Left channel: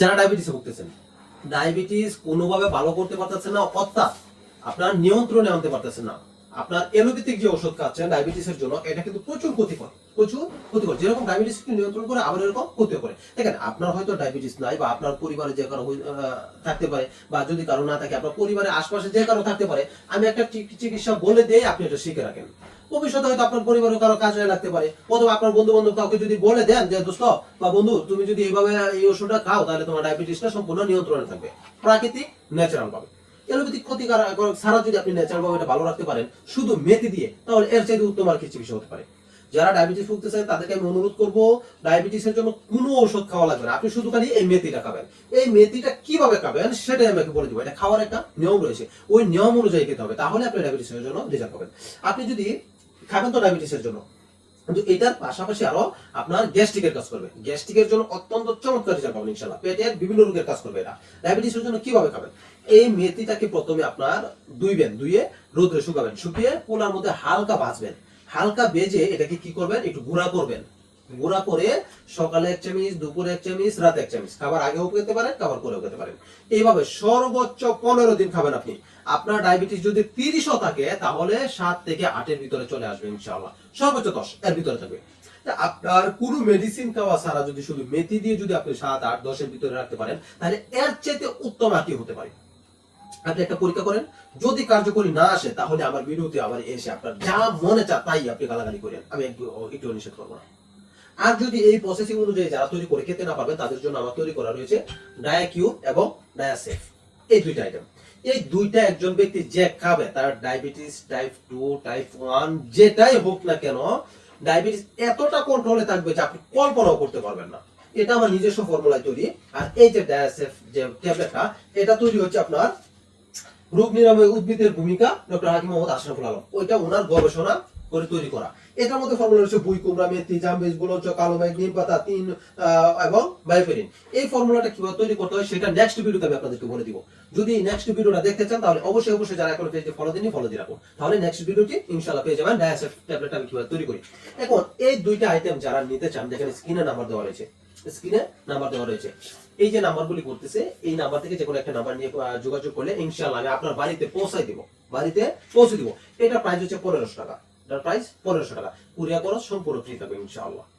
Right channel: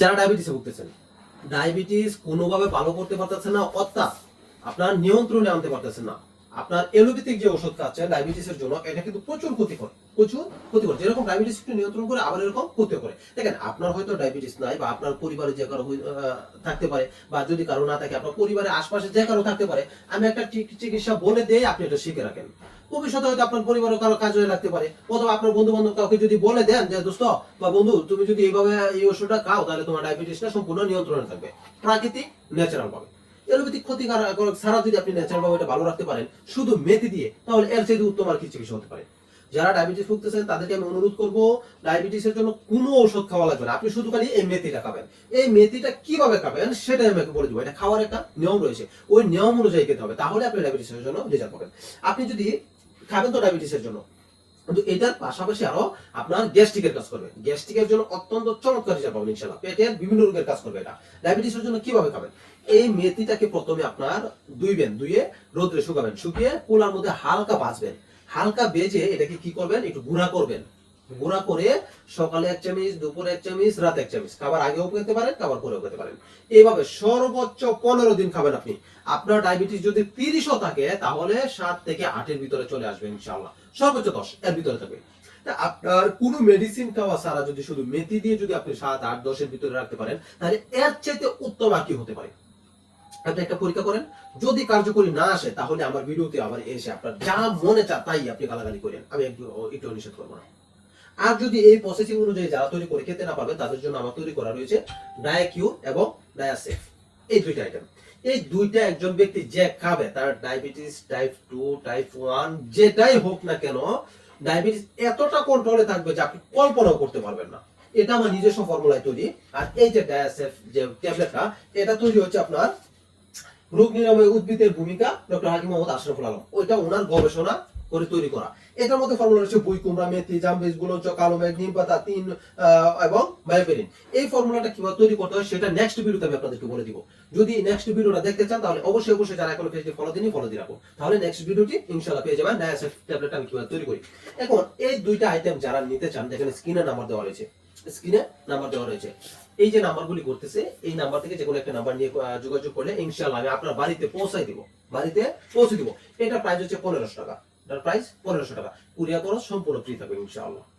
যারা ডায়াবেটিসে ভুগতেছেন। ডায়াবেটিস কোনোভাবে ভালো করতে পারতেছেন না, অর্থাৎ আপনার নিয়ন্ত্রণে আনতে পারতেছেন না। আপনার এলোপ্যাথিক যে ওষুধ খাচ্ছেন ডায়াবেটিসের জন্য, এটা কিন্তু প্রচুর ক্ষতিকর প্রচুর ক্ষতিকর। যেরকম ডায়াবেটিস নিয়ন্ত্রণ করে, আবার এরকম ক্ষতিও করে। দেখেন, আপনার হয়তো ডায়াবেটিস নাই বা আপনার পরিবারে যে কারও থাকতে পারে বা যদি কারও না থাকে, আপনার পরিবারের আশপাশে যে কারও থাকতে পারে, আমি একটা চিকিৎসা বলে দিয়ে আপনি এটা শিখে রাখেন। ভবিষ্যতে হয়তো আপনার পরিবারের কারও কাজে লাগতে পারে, অথবা আপনার বন্ধু বান্ধব কাউকে যদি বলে দেন যে, দোস্ত, বা বন্ধু, তুমি যদি এইভাবে এই ওষুধটা খাও, তাহলে তোমার ডায়াবেটিসটা সম্পূর্ণ নিয়ন্ত্রণে থাকবে। প্রাকৃতিক ন্যাচারাল পাবে এলোপ্যাথিক ক্ষতিকারক ছাড়া যদি আপনি ন্যাচারাল ভাবে এটা ভালো রাখতে পারেন, শুধু মেথি দিয়ে, তাহলে এর চাইতে উত্তম আর কি চিকিৎসা হতে পারে। যারা ডায়াবেটিস ভুগতেছেন, তাদেরকে আমি অনুরোধ করব, ডায়াবেটিসের জন্য কোনো ওষুধ খাওয়া লাগবে না। আপনি শুধু খালি এই মেথিটা খাবেন। এই মেথিটা কীভাবে খাবেন, সেটাই আমাকে বলে দিব। এটা খাওয়ার একটা নিয়ম রয়েছে। ওই নিয়ম অনুযায়ী খেতে হবে, তাহলে আপনি ডায়াবেটিসের জন্য রেজাল্ট পাবেন। আপনি যদি খাবেন তো ডায়াবেটিসের জন্য, কিন্তু এটার পাশাপাশি আরও আপনার গ্যাস্ট্রিকের কাজ করবে। গ্যাস্ট্রিকের জন্য অত্যন্ত চমৎকার রেজাল্ট পাবেন, ইনশাআল্লাহ। পেটের বিভিন্ন রোগের কাজ করবে এটা। ডায়াবেটিসের জন্য কীভাবে খাবেন? এই মেথিটাকে প্রথমে আপনার দুইবেন দুইয়ে রোদ্রে শুকাবেন। শুকিয়ে কুলার মধ্যে হালকা ভাজবেন। হালকা বেজে এটাকে কি করবেন? একটু গুঁড়া করবেন। গুঁড়া করে সকালে এক চামচ, দুপুরে এক চামচ, রাতে এক চামচ। খাবার আগেও খেতে পারেন, খাবার পরেও খেতে পারেন। এইভাবে সর্বোচ্চ পনেরো দিন খাবেন আপনি। আপনার ডায়াবেটিস যদি তিরিশও থাকে, তাহলে সাত থেকে আটের ভিতরে চলে আসবে ইনশাআল্লাহ। সর্বোচ্চ দশ, এর ভিতরে থাকবে। আপনার কোনো মেডিসিন খাওয়া ছাড়া যদি শুধু মেথি দিয়ে যদি আপনি সাত, আট, দশের ভিতরে রাখতে পারেন, তাহলে এর চেয়ে উত্তম আর কি হতে পারে? আপনি একটা পরীক্ষা করেন, যদি কার্যকরী না আসে, তাহলে আমার ভিডিওতে আবার এসে আপনার যা মনে চা তাই আপনি গালাগালি করেন। আমি একটু নিষেধ করব না। আর যদি এই প্রসেসিং অনুযায়ী যারা তৈরি করে খেতে না পারবেন তাদের জন্য আমার তৈরি করা রয়েছে ডায়াকিউ এবং ডায়াসেফ এই দুইটা আইটেম এই দুইটা একজন ব্যক্তি যে খাবে, তার diabetes type two type one যেটাই হোক না কেন ডায়াবেটিস এতটা কন্ট্রোলে থাকবে যে আপনি কল্পনাও করতে পারবেন না। এটা আমার নিজস্ব ফর্মুলায় তৈরি। আর এই যে ডায়াসেফ যে ট্যাবলেটটা এটা তৈরি হচ্ছে আপনার রোগ নিরাময় উদ্ভিদের ভূমিকা ডক্টর হাকিম মোহাম্মদ আশরাফুল আলম। ওইটা ওনার গবেষণা করে তৈরি করা। এটার মধ্যে ফর্মুলা রয়েছে বুই, কুমড়া, মেথি, জামবেজ গুলোচ কালো মেঘ নিম পাতা, তিন এবং বায়োপেরিন এই ফর্মুলাটা কীভাবে তৈরি করতে হয় সেটা নেক্সট ভিডিওতে আমি আপনাদেরকে বলে দিব। যদি নেক্সট ভিডিওটা দেখতে চান তাহলে অবশ্যই অবশ্যই যারা এখন পেজটি ফলো দিনই ফলো দিয়ে রাখুন। তাহলে নেক্সট ভিডিওটি ইনশাআল্লাহ পেয়ে যাবেন। ডায়াসেফ ট্যাবলেট আমি কীভাবে তৈরি করি? এখন এই দুইটা আইটেম যারা নিতে চান, দেখেন স্ক্রিনে নাম্বার দেওয়া রয়েছে। স্ক্রিনে নাম্বার দেওয়া রয়েছে। এই যে নাম্বারগুলি করতেছে, এই নাম্বার থেকে যে কোনো একটা নাম্বার নিয়ে যোগাযোগ করলে ইনশাল্লাহ আমি আপনার বাড়িতে পৌঁছাই দিব। বাড়িতে পৌঁছে দিব। এটা প্রাইস হচ্ছে পনেরোশো টাকা। এটার প্রাইস পনেরোশো টাকা। কুরিয়া খরচ সম্পূর্ণ ফ্রি থাকবে ইনশাআল্লাহ।